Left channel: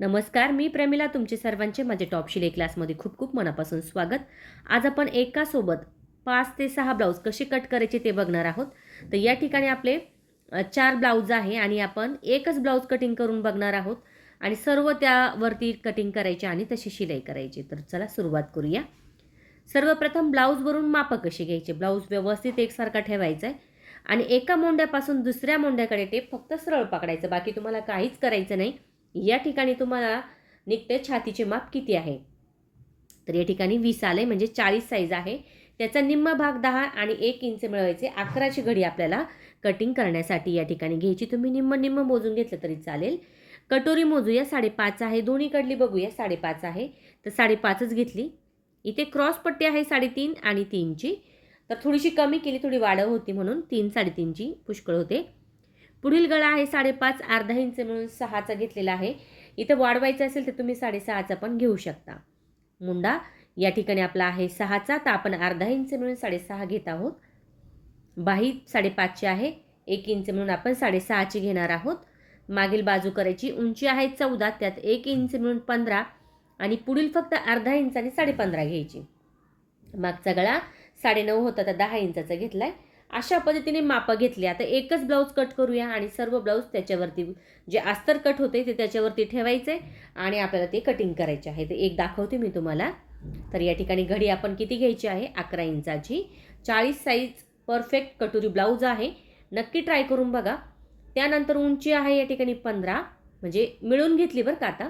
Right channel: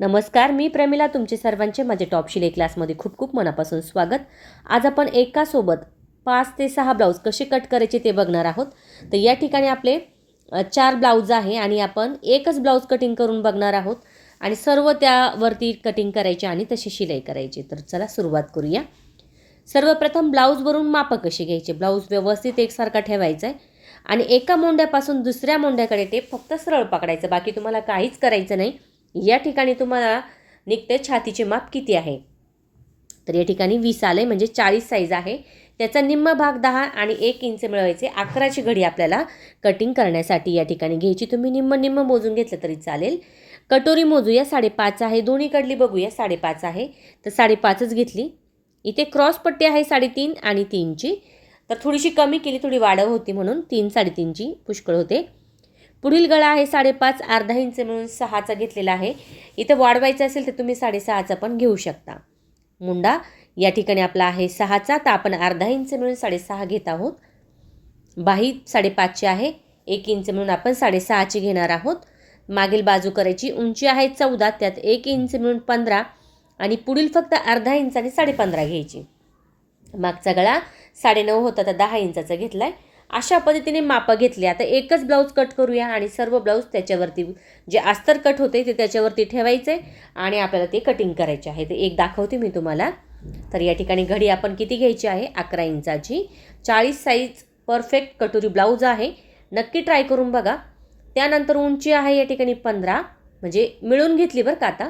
नमस्कार मी प्रमिला तुमचे सर्वांचे माझे टॉप शिले क्लासमध्ये खूप खूप मनापासून स्वागत. आज आपण एकासोबत पाच ते सहा ब्लाऊज कसे कट करायचे ते बघणार आहोत. तर या ठिकाणी आपले चार ब्लाऊज आहे आणि आपण एकच ब्लाऊज कटिंग करून बघणार आहोत. आणि सर्व त्यावरती कटिंग करायचे आणि तशी शिलाई करायची. तर चला सुरुवात करूया. सर्वप्रथम ब्लाऊजवरून मापं कशी घ्यायचे? ब्लाऊज व्यवस्थित एकसारखा ठेवायचा आहे आणि एका मोंड्यापासून दुसऱ्या मोंड्याकडे ते फक्त सरळ पकडायचं. बाकी तुम्हाला काहीच करायचं नाही. या ठिकाणी तुम्हाला निघते छातीचे माप किती आहे? तर या ठिकाणी वीस आले म्हणजे चाळीस साईज आहे. त्याचा निम्म भाग दहा आणि एक इंच मिळवायचे. अकराची घडी आपल्याला कटिंग करण्यासाठी या ठिकाणी घ्यायची. तुम्ही निम्म निम्म मोजून घेतलं तरी चालेल. कटोरी मोजूया साडेपाच आहे. दोन्हीकडली बघूया साडेपाच आहे. तर साडेपाचच घेतली. इथे क्रॉस पट्टी आहे साडेतीन आणि तीनची. तर थोडीशी कमी केली थोडी वाढव होती म्हणून तीन साडेतीनची पुष्कळ होते. पुढील गळा आहे साडेपाच अर्धा इंच मिळून सहाचा घेतलेला आहे. इथं वाढवायचं असेल तर तुम्ही साडेसहाचा पण घेऊ शकता. मुंडा या ठिकाणी आपला आहे सहाचा तर आपण अर्धा इंच मिळून साडेसहा घेत आहोत. बाही साडेपाचची आहे एक इंच मिळून आपण साडेसहाची घेणार आहोत. मागील बाजू करायची उंची आहे चौदा त्यात एक इंच मिळून पंधरा आणि पुढील फक्त अर्धा इंच आणि साडेपंधरा घ्यायची. मागचा गळा साडेनऊ होता तर दहा इंचाचा घेतला आहे अशा पद्धतीने मापं घेतली. आता एकच ब्लाऊज कट करूया आणि सर्व ब्लाऊज त्याच्यावरती जे अस्तर कट होते ते त्याच्यावरती ठेवायचे आणि आपल्याला ते कटिंग करायचे आहे. ते एक दाखवते मी तुम्हाला. तर या ठिकाणी घडी आपण किती घ्यायची आहे? अकरा इंचाची. चाळीस साईज परफेक्ट कटोरी ब्लाऊज आहे. नक्की ट्राय करून बघा. त्यानंतर उंची आहे या ठिकाणी पंधरा. म्हणजे मिळून घेतली बरं का आता?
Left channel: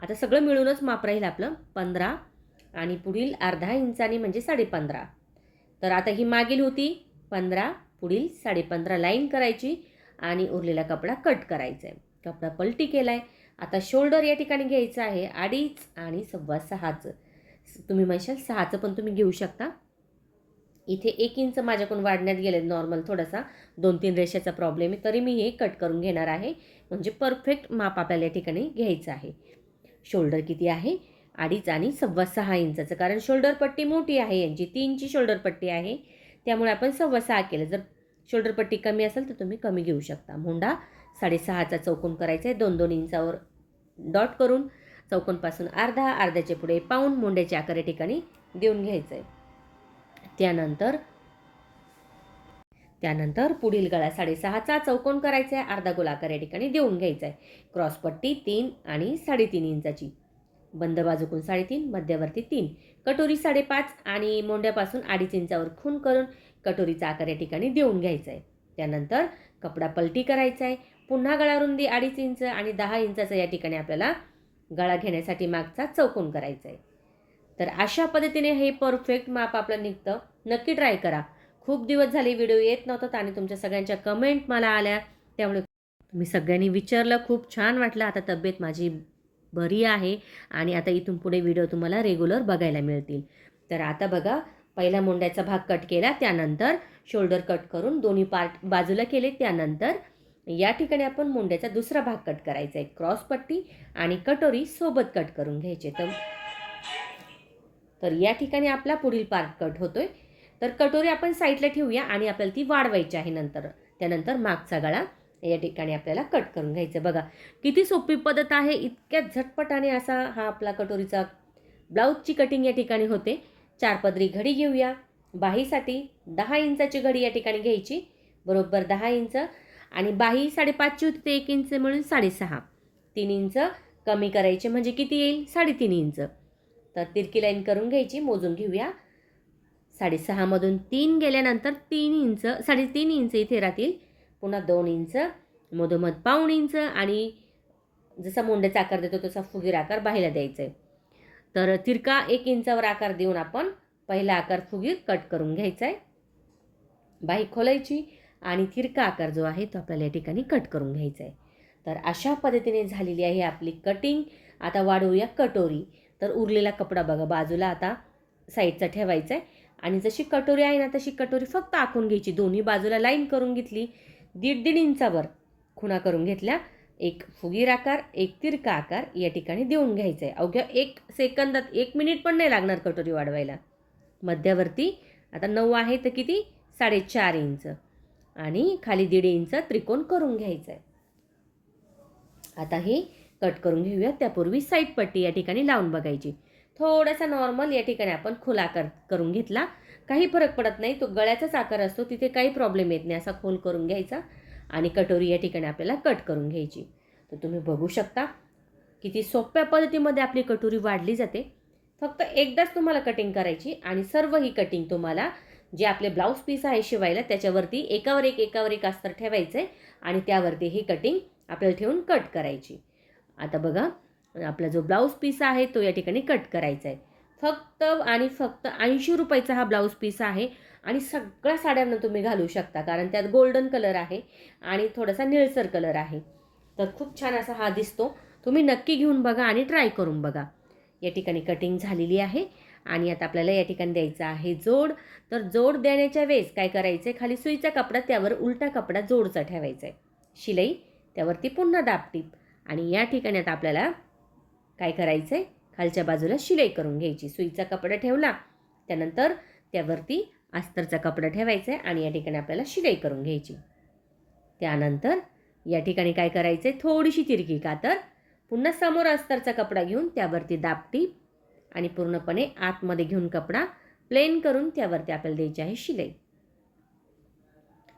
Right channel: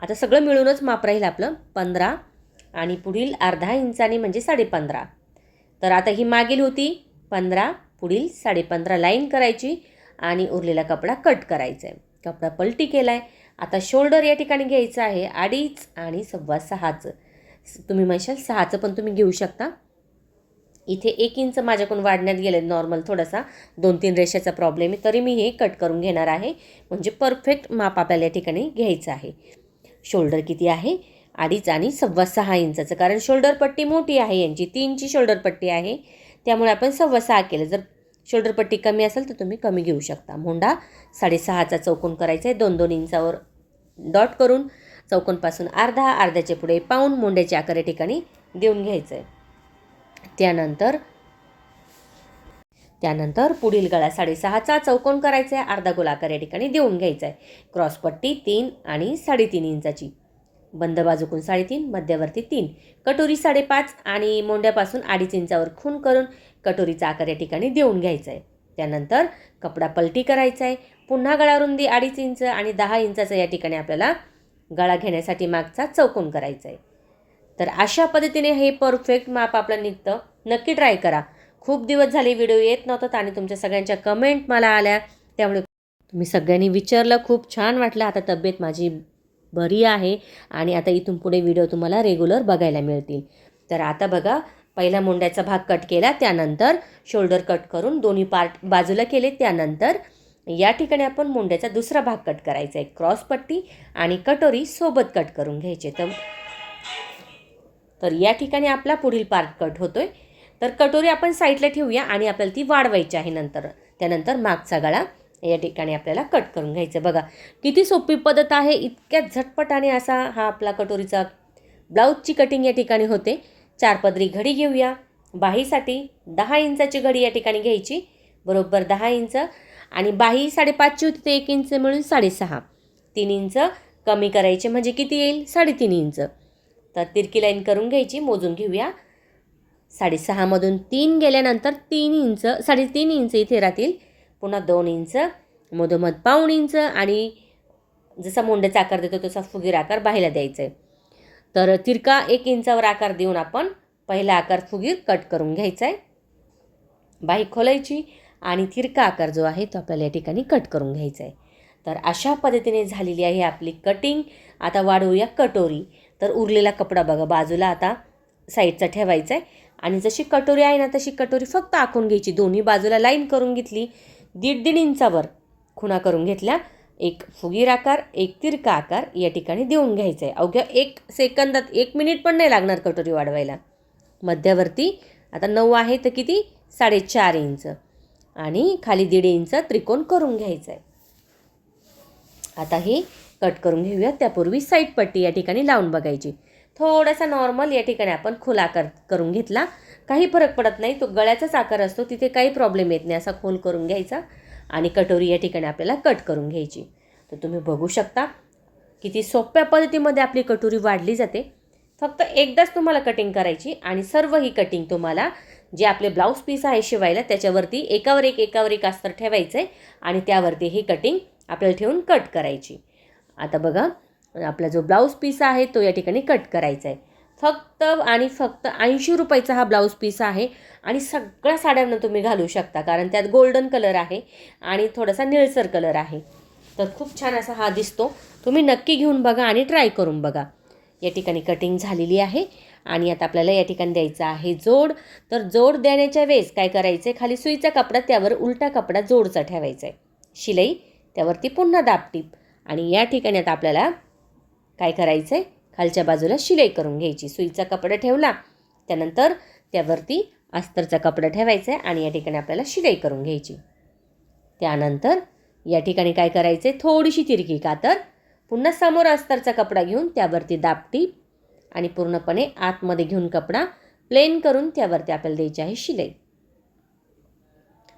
आता सगळं मिळूनच माप राहील आपलं. पंधरा आणि पुढील अर्धा इंचाने म्हणजे साडेपंधरा. तर आता ही मागील होती. पंधरा पुढील साडेपंधरा लाईन करायची आणि उरलेला कपडा कट करायचा आहे. कपडा पलटी केला आहे आता शोल्डर या ठिकाणी घ्यायचं आहे. अडीच आणि सव्वा सहाचं. तुम्ही म्हणशाल सहाचं पण तुम्ही घेऊ शकता. इथे एक इंच माझ्याकडून वाढण्यात गेलं नॉर्मल थोडासा दोन तीन रेषाचा प्रॉब्लेम आहे. तरी मी हे कट करून घेणार आहे. म्हणजे परफेक्ट माप आपल्याला या ठिकाणी घ्यायचं आहे. शोल्डर किती आहे? अडीच आणि सव्वा सहा इंचाचं. कारण शोल्डर पट्टी मोठी आहे. यांची तीनची शोल्डर पट्टी आहे. त्यामुळे आपण सव्वा सहा केलं. जर शोल्डर पट्टी कमी असेल तर तुम्ही कमी घेऊ शकता. मोंडा साडेसहाचा चौकोन करायचा आहे. दोन दोन इंचावर डॉट करून चौकोनपासून अर्धा अर्ध्याच्या पुढे पाऊन मोंड्याच्या आकार या ठिकाणी देऊन घ्यायचं आहे त्यानंतर त्यानंतर पुढील गळा साडेसहाचा चौकोन करायचा आहे. अर्धा गोलाकार या ठिकाणी देऊन घ्यायचा आहे. क्रॉसपट्टी तीन आणि साडेतीन इंचाची. बंद बाजूकून साडेतीन मध्यवर्ती तीन. कटोरी साडेपाच आणि मोंड्यापासून अडीच इंचावर खून करून कटोरीचा आकार या ठिकाणी देऊन घ्यायचा आहे त्यानंतर कपडा पलटी करायचा आहे पुन्हा गळा रुंदी अडीच इंच आणि दहा इंचाचा या ठिकाणी आपल्याला गळा घेण्यासाठी मागचा चौकोन करायचा आहे तर अशा पद्धतीने हे परफेक्ट माप आपलं निघतं. नक्की ट्राय करा. खूप दिवस झाले व्हिडिओ येत नव्हतात आणि तुमच्या सगळ्यांच्या कमेंट मला आल्या. त्यामुळे तुम्ही सगळ्यांनी विचारलं. खूप छान वाटलं. आता तब्येत माझी बरी आहे आणि आता इथून पुढे व्हिडिओ तुम्हाला रेग्युलर बघायला मिळतील. तर आता बघा पहिला मुंड्याचा भाग कट केला त्यानंतर शोल्डर कट करून दोन्ही पार्ट बाजूला केले त्यानंतर या ठिकाणी आपण मुंड्याचा दुसरा भाग कट करायचा आहे. क्रॉस पट्टी आणि कटोरी सोबत कट करून घ्यायचे. तर तर या ठिकाणी आपला पुढील पार्ट कट होतोय. तर कटोरी आपण साईडला ठेवूया आणि आपल्याला ती वाढवायची आहे नंतर. त्यानंतर मागचा गळा या ठिकाणी आपल्याला कट करून घ्यायचं. बघा किती सोपी पद्धत आहे. इतक्या झटपटाने असा हा आपला कटोरीचा ब्लाऊजची कटिंग या ठिकाणी होते. चार पदरी घडी घेऊया. बाहीसाठी दहा इंचाची घडी या ठिकाणी घ्यायची. बरोबर दहा इंच. आणि बाही साडेपाचची होती ते एक इंच मिळून साडेसहा. तीन इंच कमी करायचे म्हणजे किती येईल? साडेतीन इंच. तर तिरकी लाईन करून घ्यायची. मोजून घेऊया. साडेसहामधून तीन गेल्यानंतर तीन इंच साडेतीन इंच इथे राहतील. पुन्हा दोन इंच मधोमध पाऊण इंच आणि जसा मोंड्याचा आकार देतो तसा फुगीर आकार बाहेला द्यायचा आहे तर तिरका एक इंचावर आकार देऊन आपण पहिला आकार फुगीर कट करून घ्यायचा आहे बाही खोलायची आणि तिरका आकार जो आहे तो आपल्याला या ठिकाणी कट करून घ्यायचा आहे तर अशा पद्धतीने झालेली आहे आपली कटिंग. आता वाढवूया कटोरी. तर उरलेला कपडा बघा बाजूला आता साईडचा ठेवायचा आहे आणि जशी कटोरी आहे ना तशी कटोरी फक्त आखून घ्यायची. दोन्ही बाजूला लाईन करून घेतली दीड दीड इंचावर खुणा करून घेतल्या. एक फुगीर आकार एक तिरका आकार या ठिकाणी देऊन घ्यायचा आहे अवघ्या एक सेकंदात एक मिनिट पण नाही लागणार कटोरी वाढवायला. मध्यवर्ती आता नऊ आहे तर किती? साडेचार इंच. आणि खाली दीड इंच त्रिकोण करून घ्यायचं आहे आता हे कट करून घेऊया. त्यापूर्वी साईड पट्टी या ठिकाणी लावून बघायची. थोडासा नॉर्मल या ठिकाणी आपण खुला कर करून घेतला. काही फरक पडत नाही. तो गळ्याचाच आकार असतो. तिथे काही प्रॉब्लेम येत नाही. असा खोल करून घ्यायचा आणि कटोरी या ठिकाणी आपल्याला कट करून घ्यायची. तर तुम्ही बघू शकता किती सोप्या पद्धतीमध्ये आपली कटोरी वाढली जाते. फक्त एकदाच तुम्हाला कटिंग करायची आणि सर्व ही कटिंग तुम्हाला जे आपले ब्लाऊज पीस आहे शिवायला त्याच्यावरती एकावर एक एकावर एक अस्तर ठेवायचं आहे आणि त्यावरती ही कटिंग आपल्याला ठेवून कट करायची. आता बघा आपला जो ब्लाऊज पीस आहे तो या ठिकाणी कट करायचा आहे फक्त आणि फक्त ऐंशी रुपयाचा हा ब्लाऊज पीस आहे. आणि सगळ्या साड्यांना तुम्ही घालू शकता. कारण त्यात गोल्डन कलर आहे आणि थोडासा निळसर कलर आहे. तर खूप छान असा हा दिसतो. तुम्ही नक्की घेऊन बघा आणि ट्राय करून बघा. या ठिकाणी कटिंग झालेली आहे. आणि आता आपल्याला या ठिकाणी द्यायचा आहे जोड. तर जोड देण्याच्या वेळेस काय करायचं आहे खाली सुईचा कपडा त्यावर उलटा कपडा जोडचा ठेवायचा आहे शिलाई त्यावरती पुन्हा दाबटीप आणि या ठिकाणी आता आपल्याला काय करायचं आहे खालच्या बाजूला शिलाई करून घ्यायची. सुईचा कपडा ठेवला. त्यानंतर त्यावरती अस्तरचा कपडा ठेवायचा आहे आणि या ठिकाणी आपल्याला शिलाई करून घ्यायची. त्यानंतर या ठिकाणी काय करायचं आहे थोडीशी तिरकी कातर पुन्हा समोर अस्तरचा कपडा घेऊन त्यावरती दापटी आणि पूर्णपणे आतमध्ये घेऊन कपडा प्लेन करून त्यावरती आपल्याला द्यायची आहे शिलाई.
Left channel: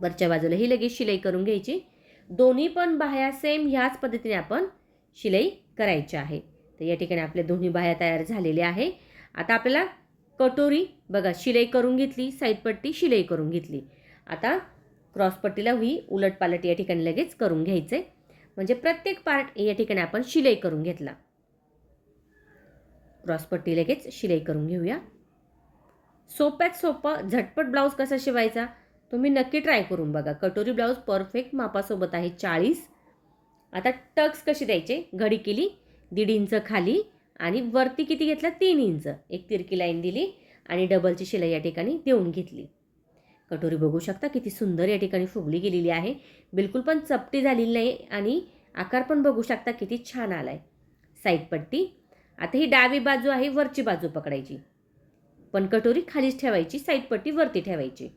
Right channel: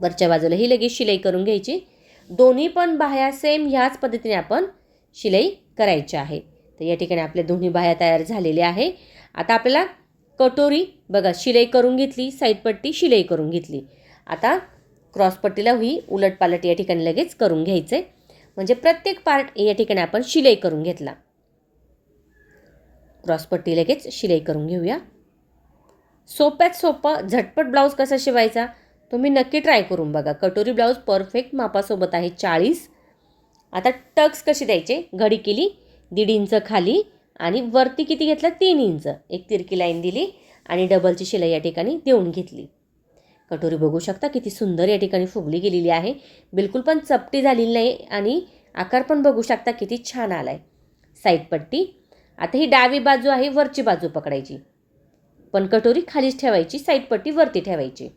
वरच्या बाजूला ही लगेच शिलाई करून घ्यायची. दोन्ही पण बाह्या सेम ह्याच पद्धतीने आपण शिलाई करायची आहे. तर या ठिकाणी आपल्या दोन्ही बाह्या तयार झालेल्या आहे आता आपल्याला कटोरी बघा शिलाई करून घेतली साईडपट्टी शिलाई करून घेतली. आता क्रॉसपट्टीला ही उलटपालट या ठिकाणी लगेच करून घ्यायचं आहे म्हणजे प्रत्येक पार्ट या ठिकाणी आपण शिलाई करून घेतला. क्रॉसपट्टी लगेच शिलाई करून घेऊया. सोप्यात सोपं झटपट ब्लाऊज कसा शिवायचा? तुम्ही नक्की ट्राय करून बघा. कटोरी ब्लाऊज परफेक्ट मापासोबत आहे चाळीस. आता टक्स कशी द्यायचे? घडी केली. दीड इंच खाली आणि वरती किती घेतला? तीन इंच. एक तिरकी लाईन दिली आणि डबलची शिलाई या ठिकाणी देऊन घेतली. कटोरी बघू शकता किती सुंदर या ठिकाणी फुगली गेलेली आहे. बिलकुल पण चपटी झालेली नाही आणि आकार पण बघू शकता किती छान आला आहे साईडपट्टी आता ही डावी बाजू आहे वरची बाजू पकडायची. पण कटोरी खालीच ठेवायची साईडपट्टी वरती ठेवायची.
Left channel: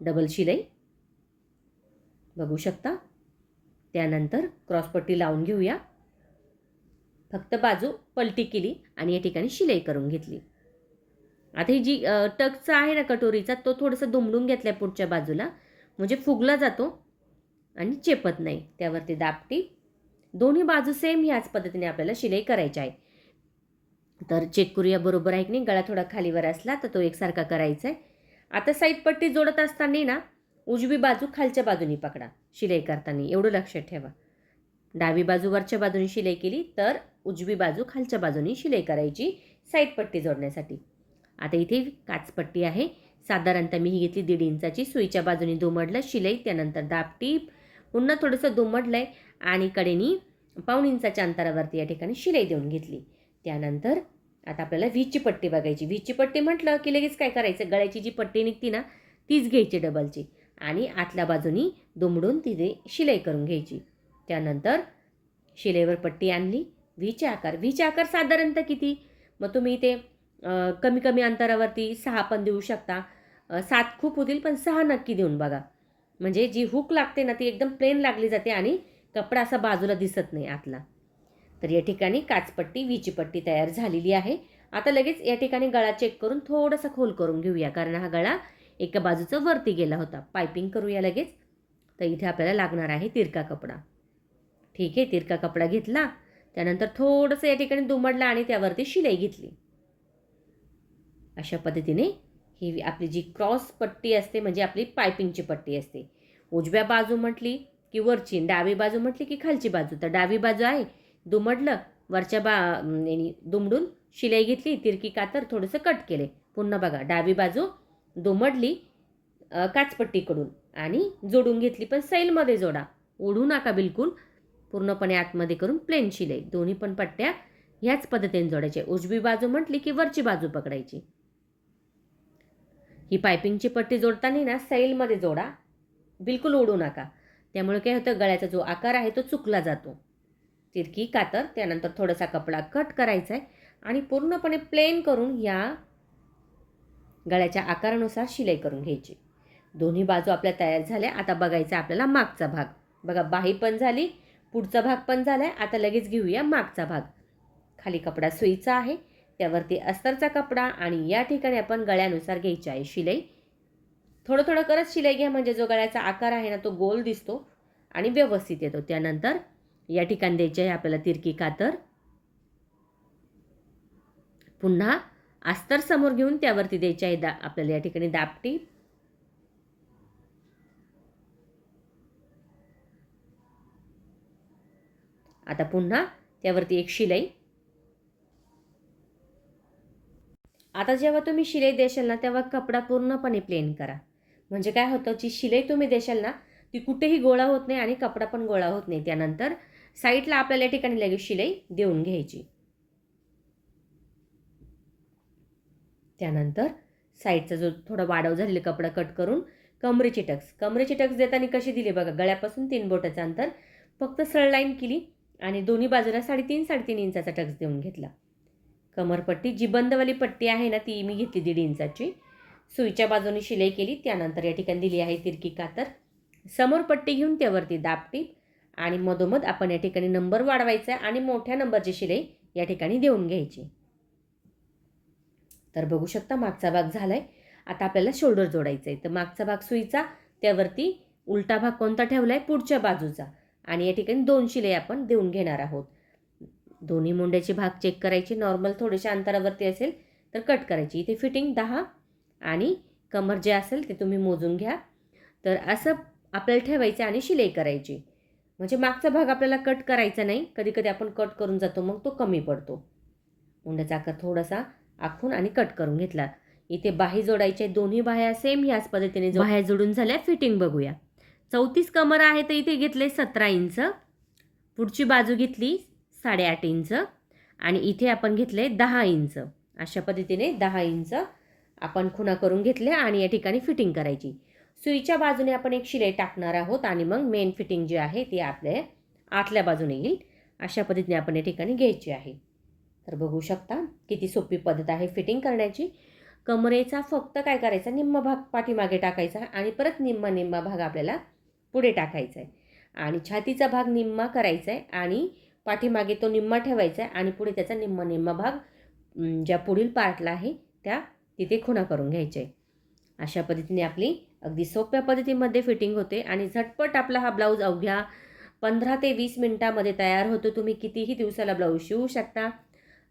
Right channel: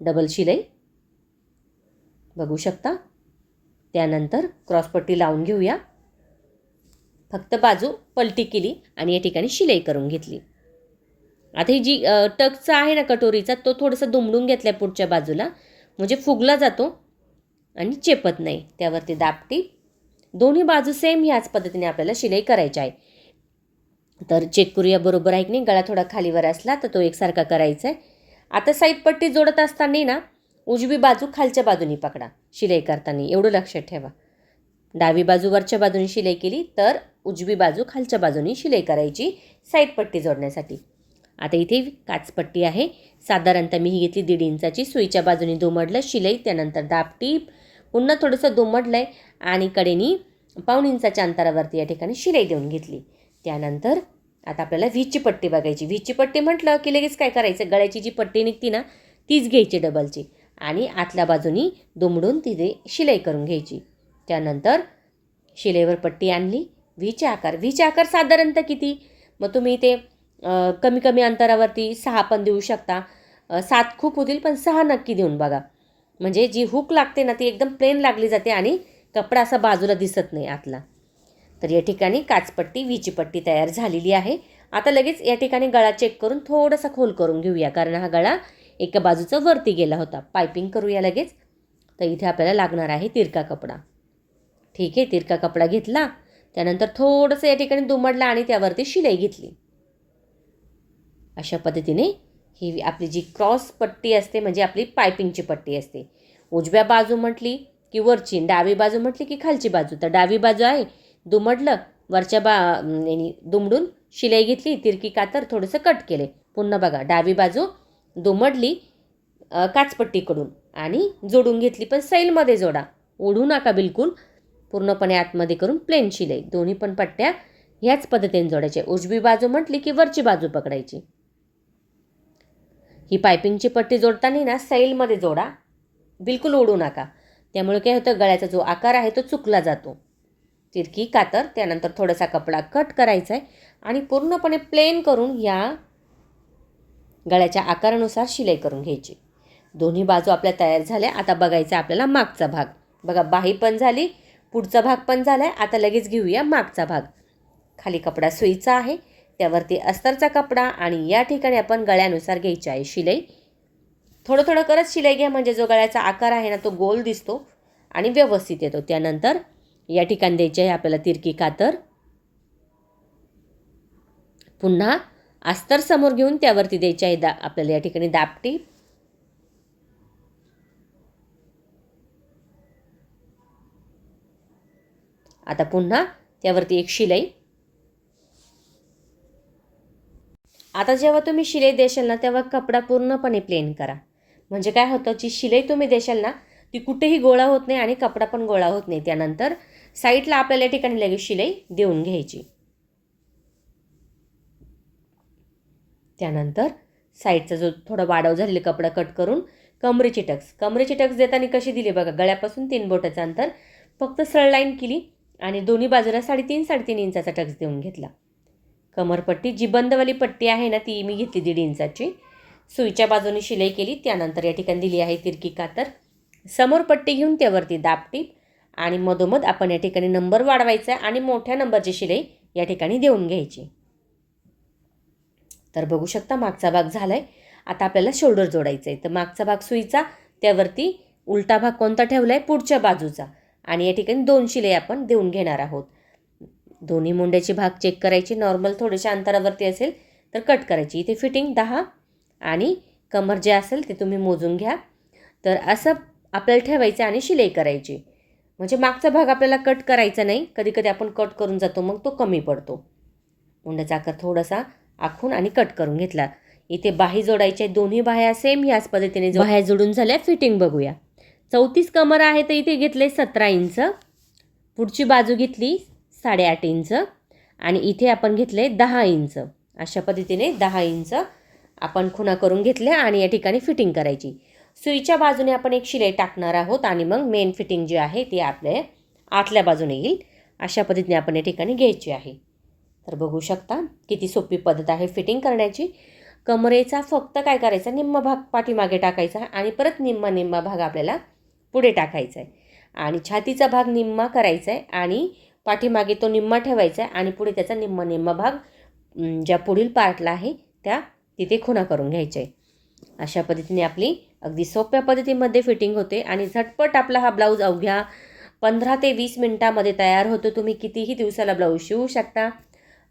डबल शिलाई. बघू शकता. त्यानंतर क्रॉसपट्टी लावून घेऊया. फक्त बाजू पलटी केली आणि या ठिकाणी शिलाई करून घेतली. आता ही जी टकचा आहे ना कटोरीचा तो थोडंसं दुमडून घेतला आहे पुढच्या बाजूला. म्हणजे फुगला जातो आणि चेपत नाही. त्यावरती दाबटी दोन्ही बाजू सेम ह्याच पद्धतीने आपल्याला शिलाई करायची आहे. तर चेक करूया बरोबर आहे की नाही? गळा थोडा खालीवर असला तर तो एकसारखा करायचा आहे आता साईड पट्टी जोडत असताना ना उजवी बाजू खालच्या बाजूनी पकडा. शिलाई करताना. एवढं लक्षात ठेवा. डावी बाजू वरच्या बाजूने शिलाई केली तर उजवी बाजू खालच्या बाजूने शिलाई करायची साईड पट्टी जोडण्यासाठी. आता इथे काचपट्टी आहे. साधारणतः मी ही घेतली दीड इंचाची. सुईच्या बाजूने दुमडलं शिलाई त्यानंतर दापटी पुन्हा थोडंसं दुमडलं आहे आणि कडेनी पाऊण इंचाच्या अंतरावरती या ठिकाणी शिलाई देऊन घेतली. त्यानंतर आता आपल्याला व्हीची पट्टी बघायची. व्हीची पट्टी म्हटलं की लगेच काय करायचं? गळ्याची जी पट्टी निघती ना तीच घ्यायची डबलची आणि आतल्या बाजूनी दुमडून तिथे शिलाई करून घ्यायची. त्यानंतर शिलेवर पट्टी आणली. व्हीचे आकार व्हीचे आकार साधारणतः किती? मग तुम्ही ते कमी कमी अंतरावरती सहा पण देऊ शकता. सात खूप होतील पण सहा नक्की देऊन बघा. म्हणजे जी हुक लागते ना ती एकदम प्लेन लागली जाते आणि कपडा असा बाजूला दिसत नाही आतला. तर या ठिकाणी काचपट्टी वीची पट्टी तयार झालेली आहे. आता लगेच या ठिकाणी गळा चेक करून थोडासा खोल करून घेऊया कारण हा गळा एका बाजूचा वरती गेला होता. पायपिंग करूया लगेच. तर इथे आपल्याला लागणार आहे तिरका कपडा. ठीक आहे तिरका कपडा घेतला. त्यानंतर थोडंसं या ठिकाणी दुमडला आणि त्यावरती शिलाई घेतली. अशा पद्धतीने ही आपली जी क्रॉस पट्टी असते म्हणजे आपली पायपिंगची पट्टी असते. उजव्या बाजू म्हटली की वरची डावी बाजू म्हटली की खालची बाजू. तर डावी बाजू आहे दुमडलं वरच्या बा दुमडून शिलाई घेतली तिरकी कातर थोडंसं कट केले. पुन्हा बघा डावी बाजू दुमडली काचपट्टीकडून आणि जोडून घेतली पण सैलमध्ये जोडा. ओढू नका बिलकुल पूर्णपणे आतमध्ये करून प्लेन शिलाई. दोन्ही पण पट्ट्या ह्याच पद्धतीने जोडायच्या. उजवी बाजू म्हटली की वरची बाजू पकडायची. ही पायपिंगची पट्टी जोडताना ना सैलमध्ये जोडा. बिलकुल ओढू नका. त्यामुळे काय होतं गळ्याचा जो आकार आहे तो चुकला जातो. तिरकी कातर त्यानंतर थोडासा कपडा कट करायचा आहे आणि पूर्णपणे प्लेन करून या गळ्याच्या आकारानुसार शिलाई करून घ्यायची. दोन्ही बाजू आपल्या तयार झाल्या. आता बघायचा आपल्याला मागचा भाग. बघा बाही पण झाली पुढचा भाग पण झाला आहे आता लगेच घेऊया मागचा भाग. खाली कपडा सुईचा आहे. त्यावरती अस्तरचा कपडा आणि या ठिकाणी आपण गळ्यानुसार घ्यायची आहे शिलाई. थोडं थोडं करत शिलाई घ्या म्हणजे जो गळ्याचा आकार आहे ना तो गोल दिसतो आणि व्यवस्थित येतो. त्यानंतर या ठिकाणी द्यायची आहे आपल्याला तिरकी कातर. पुन्हा अस्तर समोर घेऊन त्यावरती द्यायची आहे दा आपल्याला या ठिकाणी दापटी. आता पुन्हा त्यावरती एक शिलाई. आता जेव्हा तुम्ही शिलाई देशाल ना तेव्हा कपडा पूर्णपणे प्लेन करा. म्हणजे काय होतं जी शिलाई तुम्ही देशाल ना ती कुठेही गोळा होत नाही आणि कपडा पण गोळा होत नाही. त्यानंतर साईडला आपल्याला ठिकाणी लगेच शिलाई देऊन घ्यायची. त्यानंतर साईडचा जो थोडा वाढव झालेला कपडा कट करून कमरेची टक्स. कमरेची टक्स देताना कशी दिली बघा गळ्यापासून तीन बोटाचं अंतर. फक्त सळ लाईन केली आणि दोन्ही बाजूला साडेतीन साडेतीन इंचाचा टक्स देऊन घेतला. कमरपट्टी जी बंदवाली पट्टी आहे ना ती मी घेतली दीड इंचाची. सुईच्या बाजूने शिलाई केली त्यानंतर या ठिकाणी दिली आहे तिरकी कातर. समोर पट्टी घेऊन त्यावरती दापटीप आणि मधोमध आपण या ठिकाणी नंबर वाढवायचा आणि मोठ्या नंबरची शिलाई या ठिकाणी देऊन घ्यायची. तर बघू शकता मागचा भाग झाला आहे आता आपल्याला शोल्डर जोडायचं आहे तर मागचा भाग सुईचा त्यावरती उलटा भाग कोणता ठेवला आहे पुढच्या बाजूचा. आणि या ठिकाणी दोन शिलाई आपण देऊन घेणार आहोत. दोन्ही मुंड्याचे भाग चेक करायचे. नॉर्मल थोडेशा अंतरावरती असेल तर कट करायची. इथे फिटिंग दहा आणि कमर जे असेल ते तुम्ही मोजून घ्या. तर असं आपल्याला ठेवायचं आणि शिलाई करायची. म्हणजे मागचा भाग आपल्याला कट करायचा नाही. कधी कधी आपण कट करून जातो मग तो कमी पडतो. मुंड्याचा आकार थोडासा आखून आणि कट करून घेतला. इथे बाही जोडायचे. दोन्ही बाह्या सेम याच पद्धतीने जो- बाह्या जोडून झाल्या फिटिंग बघूया. चौतीस कमर आहे तर इथे घेतले सतरा इंच. पुढची बाजू घेतली साडेआठ इंच. आणि इथे आपण घेतले दहा इंच. अशा पद्धतीने दहा इंच आपण खुणा करून घेतल्या आणि या ठिकाणी फिटिंग करायची. सुईच्या बाजूने आपण एक शिलाई टाकणार आहोत आणि मग मेन फिटिंग जी आहे ती आपल्या आतल्या बाजूने येईल. अशा पद्धतीने आपण या ठिकाणी घ्यायची आहे. तर बघू शकता किती सोपी पद्धत आहे फिटिंग करण्याची. कमरेचा फक्त काय करायचा? निम्मा भाग पाठीमागे टाकायचा आणि परत निम्मा निम्मा भाग आपल्याला पुढे टाकायचा आहे आणि छातीचा भाग निम्मा करायचा आहे आणि पाठीमागे तो निम्मा ठेवायचा आहे आणि पुढे त्याचा निम्मा निम्मा भाग ज्या पुढील पार्टला आहे त्या तिथे खुणा करून घ्यायच्या. आहे अशा पद्धतीने आपली अगदी सोप्या पद्धतीमध्ये फिटिंग होते आणि झटपट आपला हा ब्लाऊज अवघ्या पंधरा ते वीस मिनटामध्ये तयार होतो. तुम्ही कितीही दिवसाला ब्लाऊज शिवू शकता.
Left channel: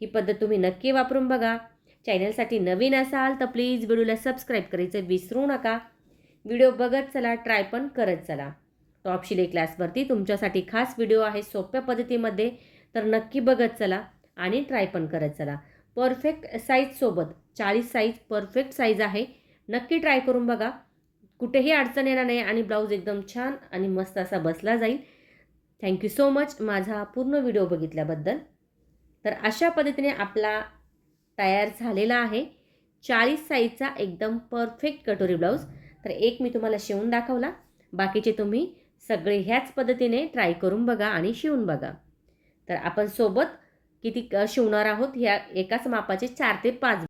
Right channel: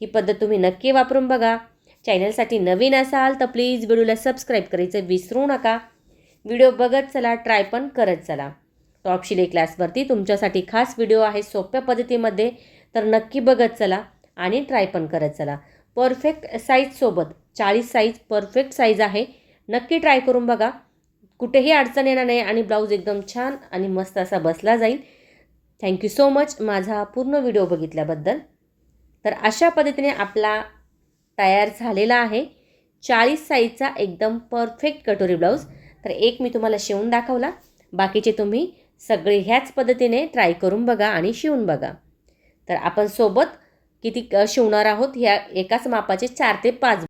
ही पद्धत तुम्ही नक्की वापरून बघा. चॅनलसाठी नवीन असाल तर प्लीज व्हिडिओला सबस्क्राईब करायचं विसरू नका. व्हिडिओ बघत चला ट्राय पण करत चला. टॉप शिले क्लासवरती तुमच्यासाठी खास व्हिडिओ आहे सोप्या पद्धतीमध्ये तर नक्की बघत चला आणि ट्राय पण करत चला. परफेक्ट साईजसोबत चाळीस साईज परफेक्ट साईज आहे. नक्की ट्राय करून बघा. कुठेही अडचण येणार नाही आणि ब्लाऊज एकदम छान आणि मस्त असा बसला जाईल. थँक्यू सो मच माझा पूर्ण व्हिडिओ बघितल्याबद्दल. तर अशा पद्धतीने आपला तयार झालेला आहे. चाळीस साईजचा एकदम परफेक्ट कटोरी ब्लाऊज. तर एक मी तुम्हाला शिवून दाखवला. बाकीचे तुम्ही सगळे ह्याच पद्धतीने ट्राय करून बघा आणि शिवून बघा. तर आपण सोबत किती शिवणार आहोत ह्या एकाच मापाचे चार ते पाच